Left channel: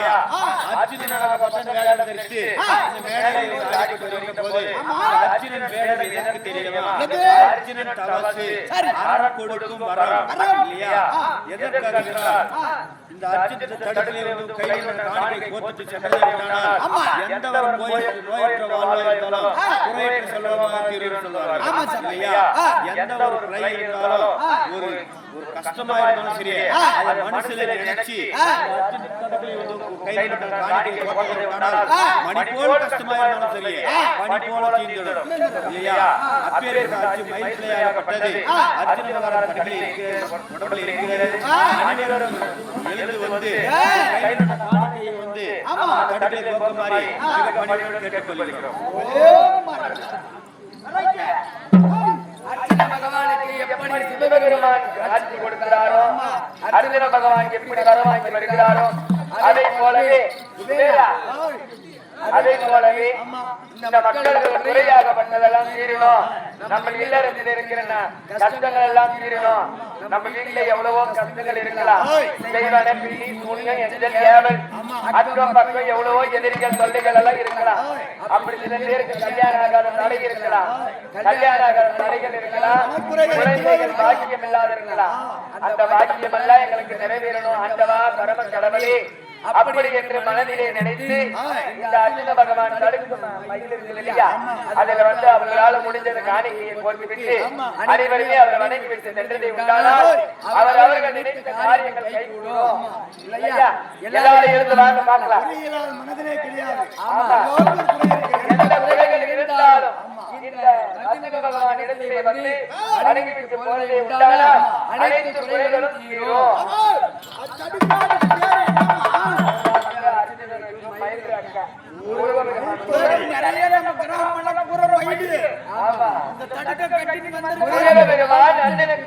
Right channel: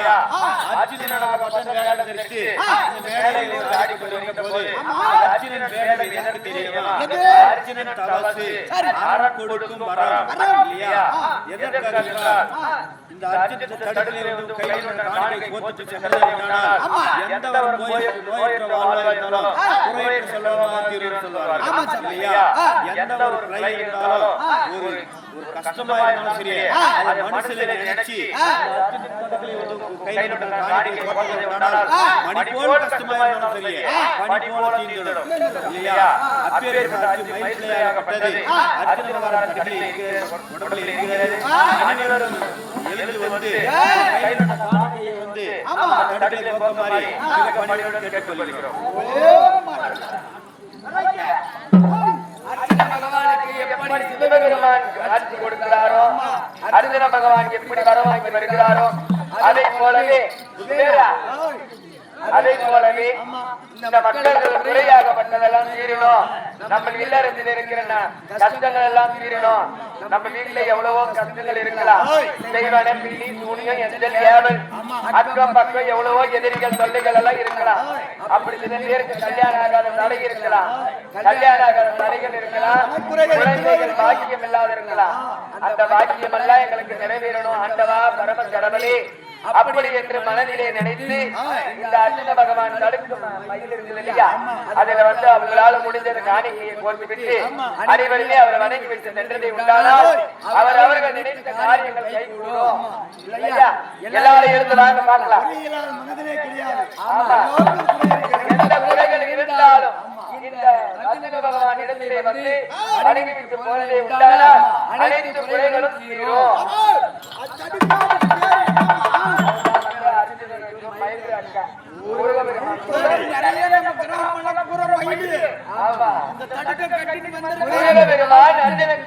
இல்லையா? அர்ஜுனனாகப்பட்டவன் வேடம் தரித்து இந்த மேடையில் ஆடிக்கொண்டு வருகின்ற போது அர்ஜுனன் வேடம் எதற்கு தெரியுமா? அர்ஜுனன் தவசு அறம் கொடுக்கும் வரம் இல்லையா? எதற்காக என்றால் இந்த அர்ஜுன தடுப்பிலே வந்து கையில் காணிக்கை கோத்துட்டு சென்றதே உண்டானால் எந்த ஒரு நோயற்ற வாழ்வா இருந்தாலும் குறையற்ற செல்வமாக தீரும் சொல்வார்கள் இல்லையா? எந்த ஒரு குறை இருந்தாலும் ஒரு ஒரு கஷ்டமா இருந்தாலும் சரி அதை மனுஷனை நினைச்சு அர்ஜுன தடுப்பிலே வந்து கையில் காணிக்கை கோத்ததை உண்டானால் மணி போல கஷ்டமா இருந்தாலும் சரி பனி போல தீர்ந்துடும் இல்லையா? அப்பேற்பட்ட அர்ஜுன் மயில் பிள்ளையாகப்பட்டது அர்ஜுன மகாராஜ் தடுப்பில் இருக்கிற உடம்பில் இருக்கிறது. அனைவரும் எழுந்து வந்து கையில் காணிக்கையை வந்து தடுப்பிலே கோக்க மாதிரி மிக பணியுடன் கேட்டுக்கொள்கிறோம். அர்ஜுன பகவானுக்கு எப்படி சிவபெருமான் காட்சி கொடுத்தாரோ அர்ஜுன பகவான் எப்படி வரமாய் வருகிறாரோ அதே போலவே இந்த மக்களுக்கு பிள்ளையாக பண்ணதெல்லாம் தீரணும். நம்ம வீட்டுல இருக்கிற கஷ்டங்கள் எல்லாம் தீரணும். நம்ம வீட்டுல எவ்வளவோ கஷ்டங்கள் இருக்கலாம். எவ்வளவோ எதிரிகள் தொல்லைகள் எல்லாம் இருக்கலாம். அப்படி சில பேருக்கு கல்யாணம் இருக்கலாம், கல்யாணம் இருக்கலாம். அந்த பாக்கியம் எல்லாம் எங்களுக்கு நிறைவேறணும். ஆண்டவா பரம கடவுளே அப்படி என்று மனதிலே நினைத்து இந்த அர்ஜுன பகவான் தடுக்கும் அதை வந்து அவர்களால் முடிந்தது காணிக்கையை போய்விட்டு அனைவருமே அவர் வணங்கி சென்றதை உண்டானால் அவர்கள் நினைத்த காரியங்கள் கைகூடும் இல்லையா? எல்லாரும் எழுதுறாங்க பார்க்கலாம். மனதிலே கிடையாது. குறைகள் இருந்தாலும் இந்த அர்ஜுன பகவான் இடத்திலே வந்து வணங்கி போவதை உண்டானால் அனைத்து குறைகளும் தீரும். நிறைய நம்ம கிராமம் பூரா மயிலு இந்த தடுக்க கட்டின்னு வந்திருக்காங்க.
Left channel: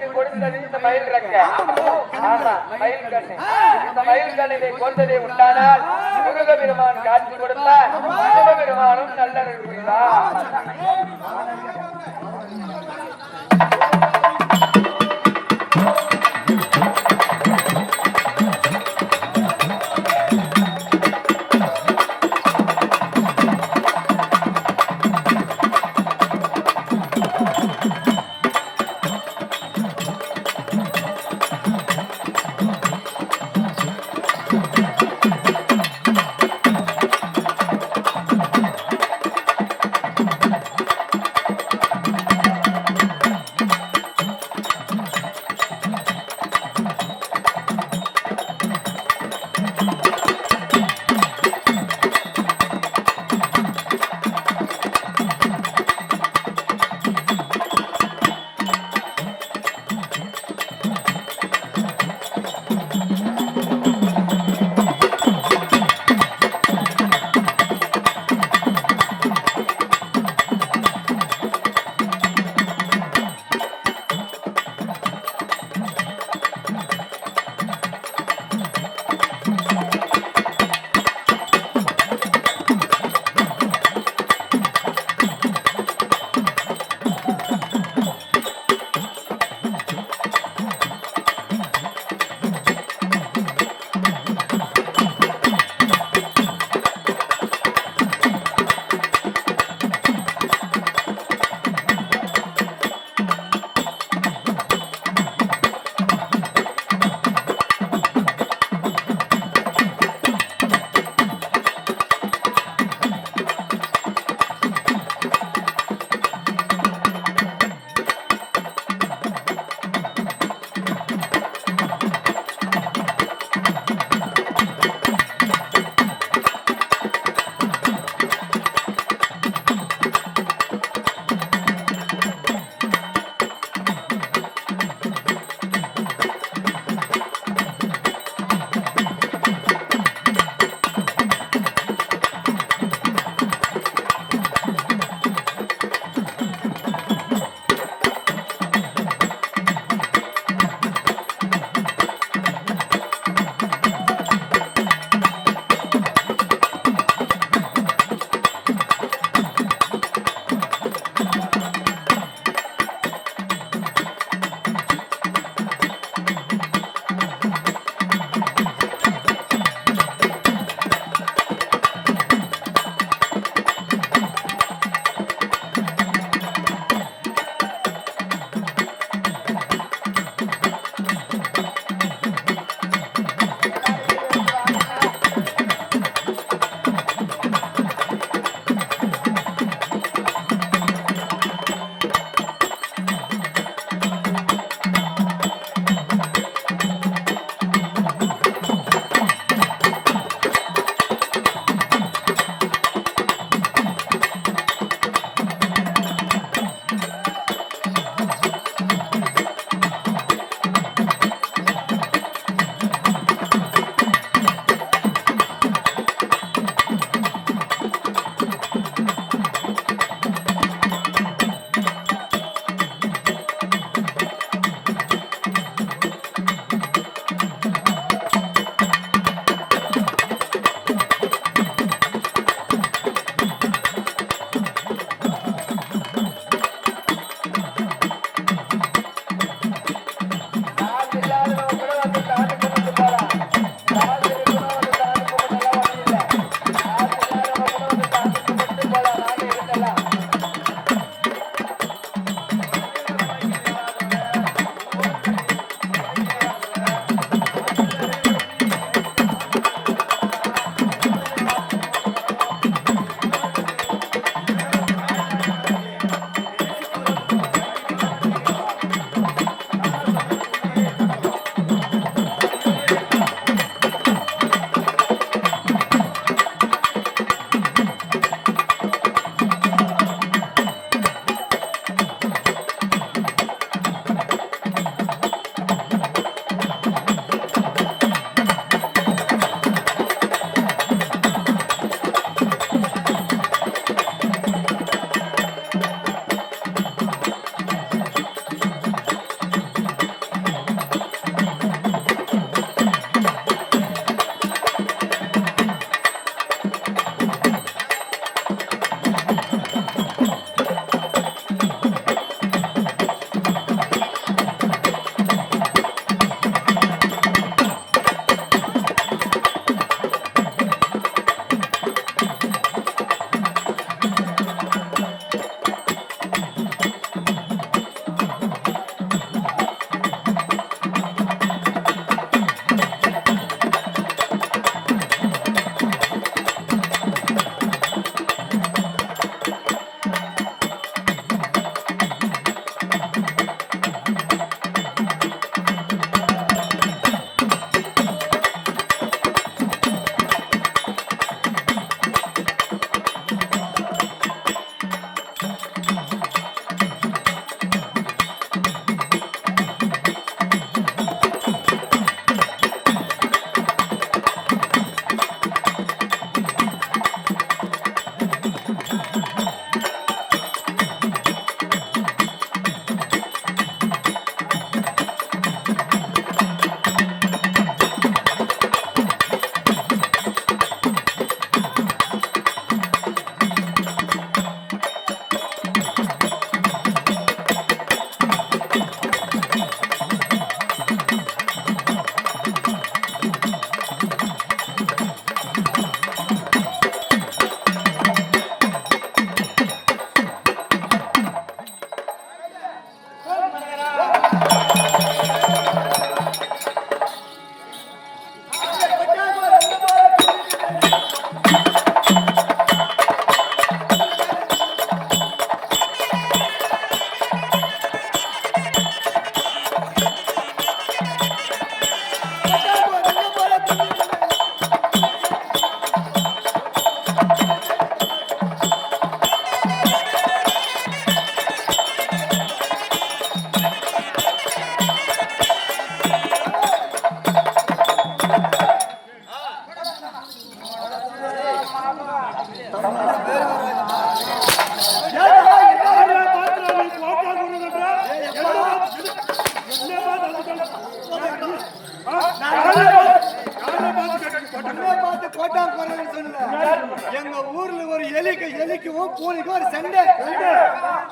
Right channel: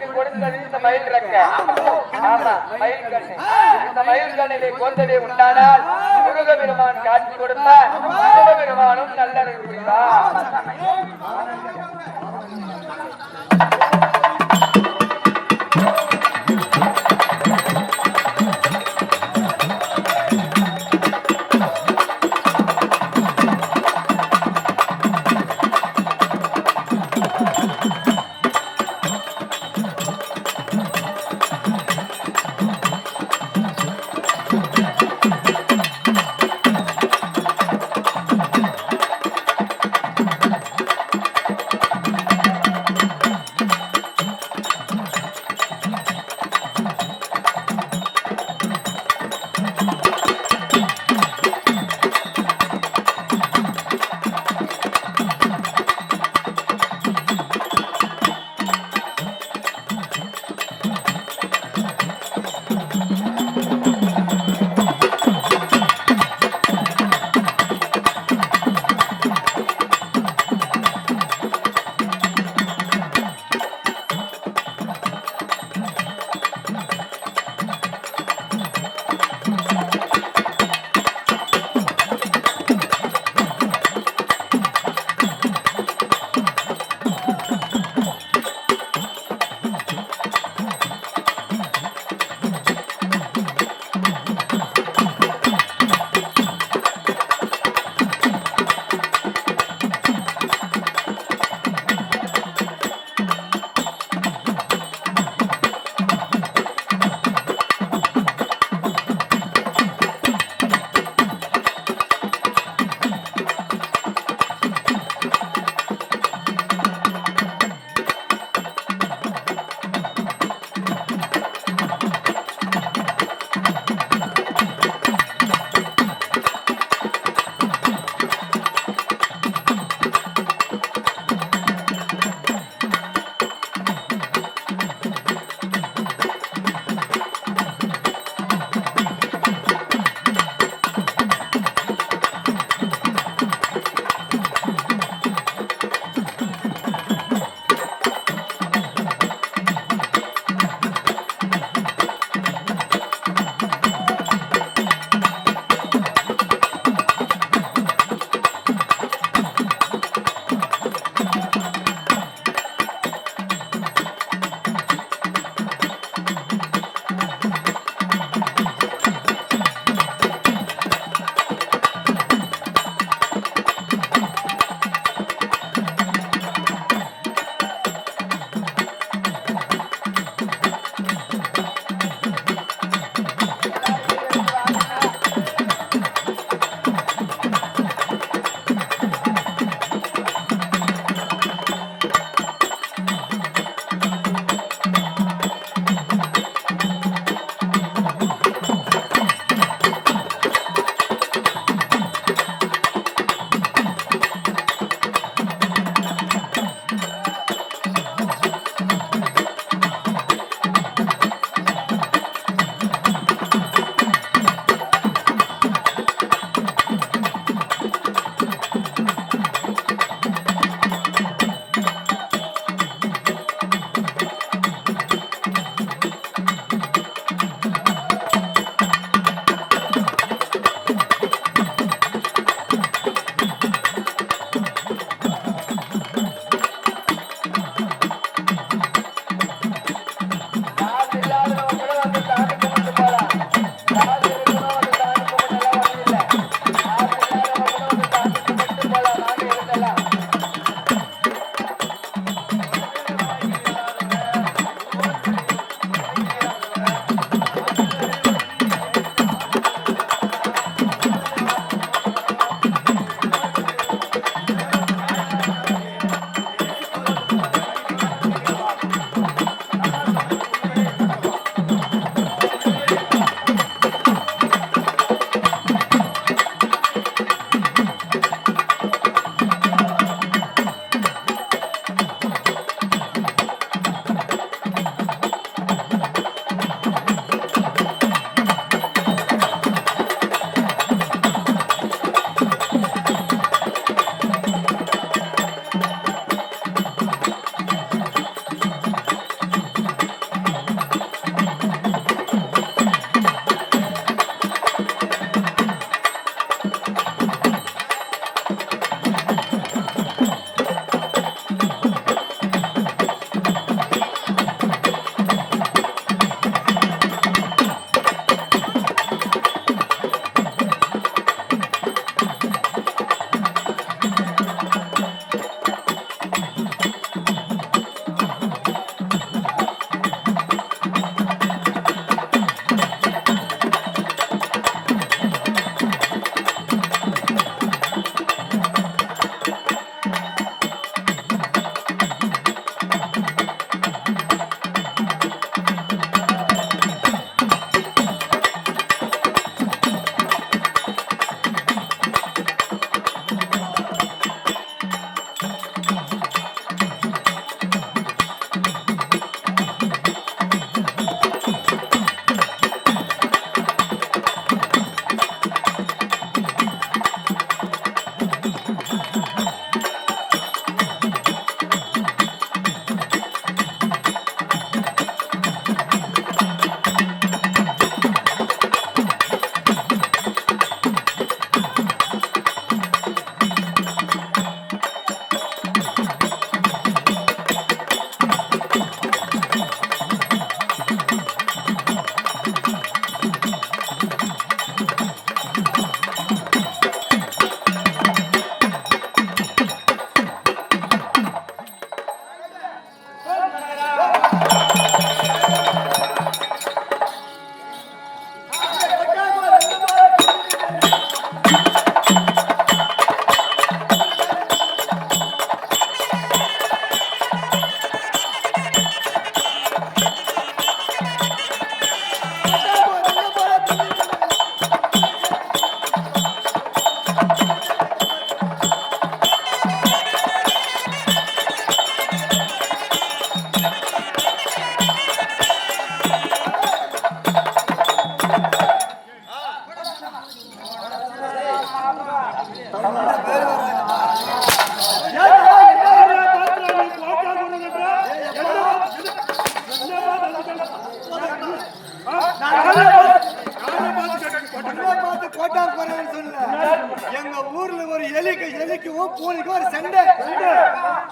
எங்க ஊர்ல ஒரு எலிக்கும் பூனைக்கும் ஒரு சண்டை.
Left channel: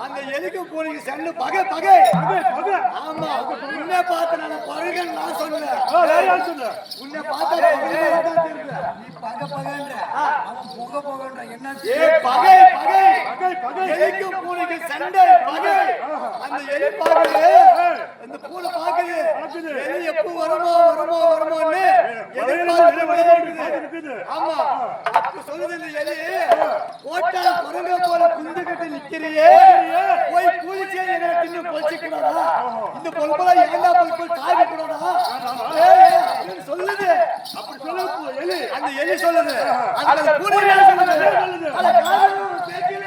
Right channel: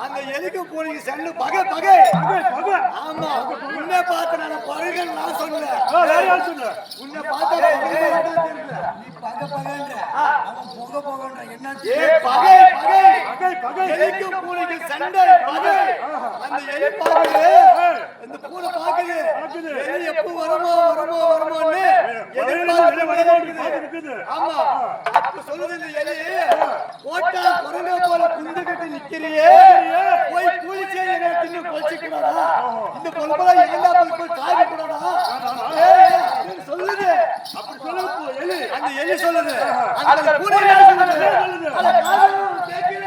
அந்த எலிக்கும் பூனைக்கு சண்டை பகை பகை பகை. ஆமா உன்னை பார்த்து நான் பகைன்னு நான் சொன்னேன். உன்னை பார்த்தா பகை பகைன்ற அவன் புகை புகன்ற என்ன பகை பகை பகை பகை. எலிக்கும் பூனைக்கு சண்டை பகை. அந்த எலி பாக்குது, அந்த பூனை பாக்குது எலி எப்போ வருமோ வருமோ வருமோன்னு எதிர்பார்த்து. ஆமா அப்ப சொல்லுது இந்த எலி, போட்டா குரங்க போல குஞ்சு கட்டி நிக்கிறியே, போய் கூலிச்சே என்ன தின்னு பொழிச்சு கூடாதா? இந்த பொழுப்பெல்லாம் ஏண்டா போய் காய்க்க கூடாதா சொல்லுது. அப்படி சொல்லுது எலி. அந்த எலி சொல்லுது, அந்த பூனை சொல்லுது, அந்த காது கேட்கல.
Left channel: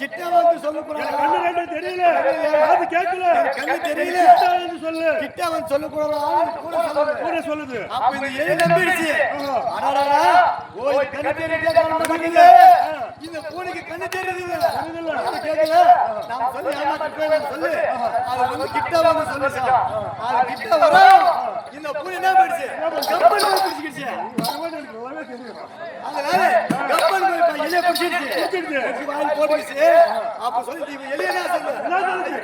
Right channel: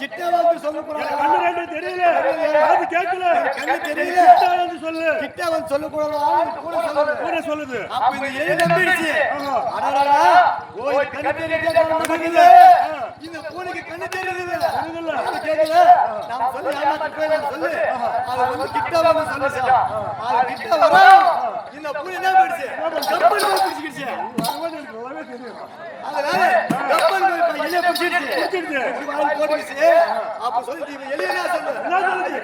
சிட்டா வந்து சொல்லக்கூடாது. கண்ணு ரெண்டு தெரியல, அது கேட்கல. கண்ணு தெரியல, சிட்டா வந்து சொல்லு. சிட்டா வந்து சொல்லக்கூடாது. கூட சொல்லுது, கூட சொல்லுது. அப்ப இந்த எலி நம்பிடுச்சு. அடடடா, ஓ இது கண்ணு தெரியல காண மாட்டேங்குது. இந்த பூனைக்கு கண்ணு தெரியல, தெரியல. அது கேட்கல. நாம சொல்லி ஏமாத்தி போய் நாம சொல்லு. அது வந்து கிட்ட வந்து சொல்லு சார். அது கிட்ட வரோம். இந்த பூனை என்ன பண்ணிடுச்சு? கப்பல் போய் பிடிச்சிக்கிடுச்சு. அதனால கப்பல் போய் எலியை பிடிச்சிடுச்சு. வாய் போட்டுச்சு. அப்ப சொல்லி எலிய என்ன சொல்லுது?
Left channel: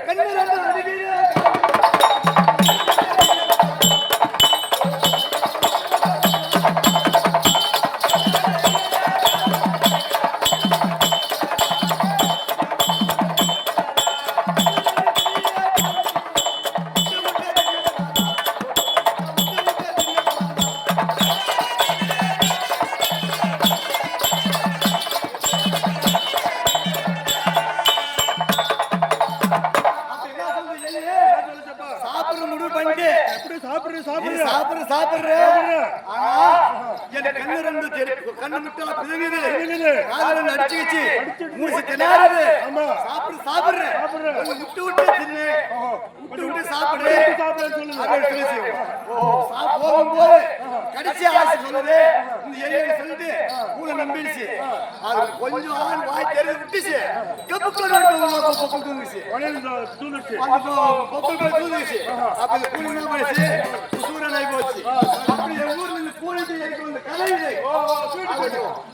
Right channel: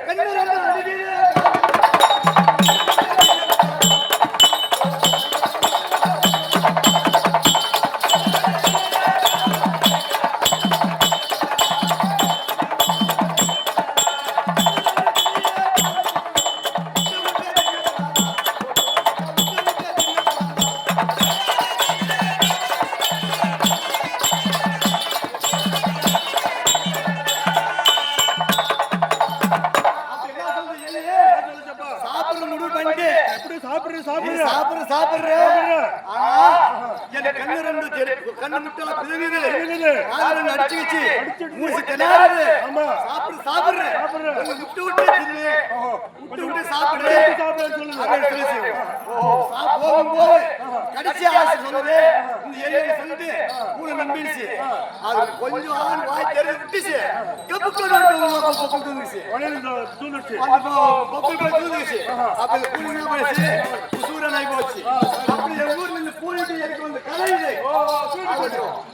கண்ணு ரெண்டு அடிக்குது. கண்ணு முட்டா பிதுங்குது, காதல அடிச்சுக்கிச்சு, மூச்சு திணறுது. சாப்பிடு சாப்பிடுற விட்டு விட்டு தின்னு, விட்டு விட்டு சாப்பிடு சொல்லுது. போகும்போது கடைசி ஆசை சொல்லுது. இந்த எலியை சொல்லிட்டு பூனை நம்பிடுச்சு. அது கொஞ்சம் ஆள் வாய் தெரிஞ்சு விட்டுச்சு. பொக்குள் தூங்குச்சு. அந்த பொக்குள் போய் தூங்குச்சு. அப்ப இந்த பூனை என்ன போயிடுச்சு? சூரன் ஆகி போச்சு. அப்படி எங்க ஊர்ல இந்த பூனைக்கு எனக்கு வந்து கலை